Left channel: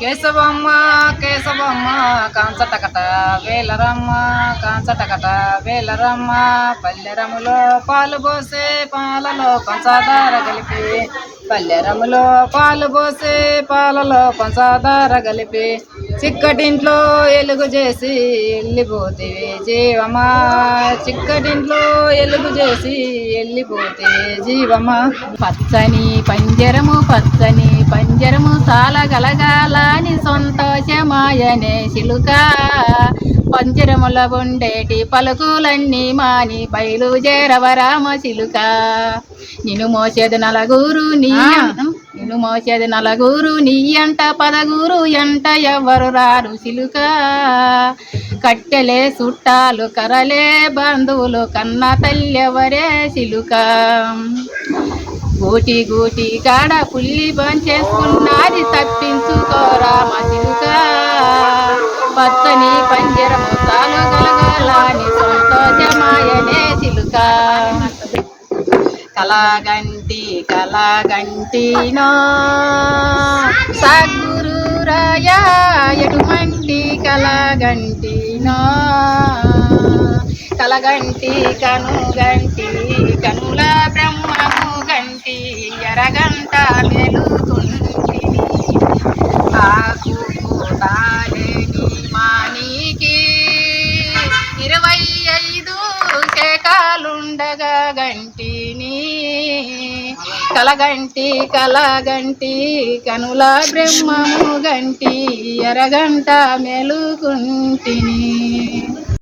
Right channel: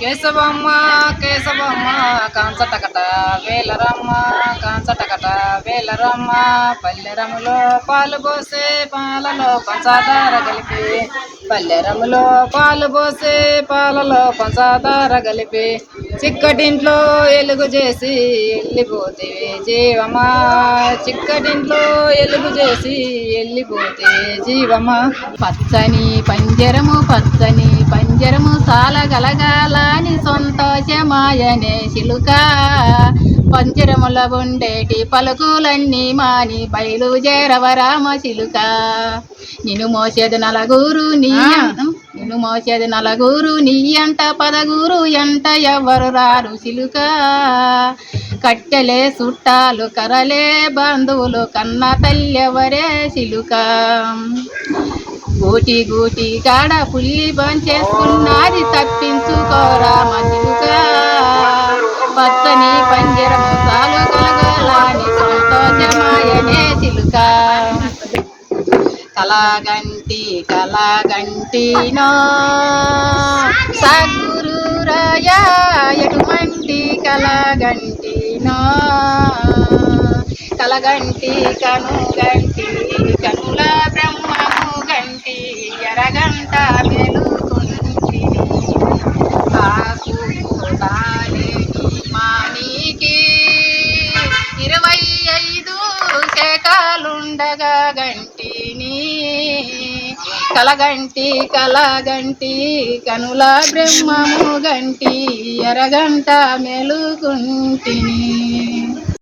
కేశవమ్మ కేశవమ్మ కాంచటకట వేలరమ్మ కాంచటకట వేలరమ్మ పల్లెరములో పాలు పోసే పాలలో పంచదార కలిపి పల్లెరములో పాలు పోసే పాలలో పంచదార కలిపి చిక్కటింట్లో ఎలుగు చేసి వెళ్ళిపోతేవి జీవమా చిక్కటింట్లో ఎలుగు చేసి వెళ్ళిపోతేవి జీవమా పచ్చని పంజరము చాలా గలగాలని సంతోషమాయనే చిలుక పంజరముల ఉండేటి పలుకులన్నీ మాని బయలుదేరవరామ చిలుక నిన్ను మోసేది నలుగురు నీ అంట పదగురు ఎంట ఎవరు రారు చిలుక కట్టెలే చుట్టాలు కరలే బంధువులు కన్న తల్లెవరే చిలుక గూటి కాడ పుల్లి చేసుకున్నది తప్పించుకోరామ చిలుక పచ్చని పంజరము చాలు గలగలాని సంతోషమాయనే చిలుక కలగంటినో సద్గురు రాయా ఎటువంటి కలగంటినో కలగంటి కనుల బ్రహ్మము గంటి ఎరగంట మెలుకుంటి ఆకు తాలేని మానికి 25 శేఖాలుండగా గంటిని కలగంటి కనుల బ్రహ్మము గంటి ఎరగంట మెలుకుంటిని.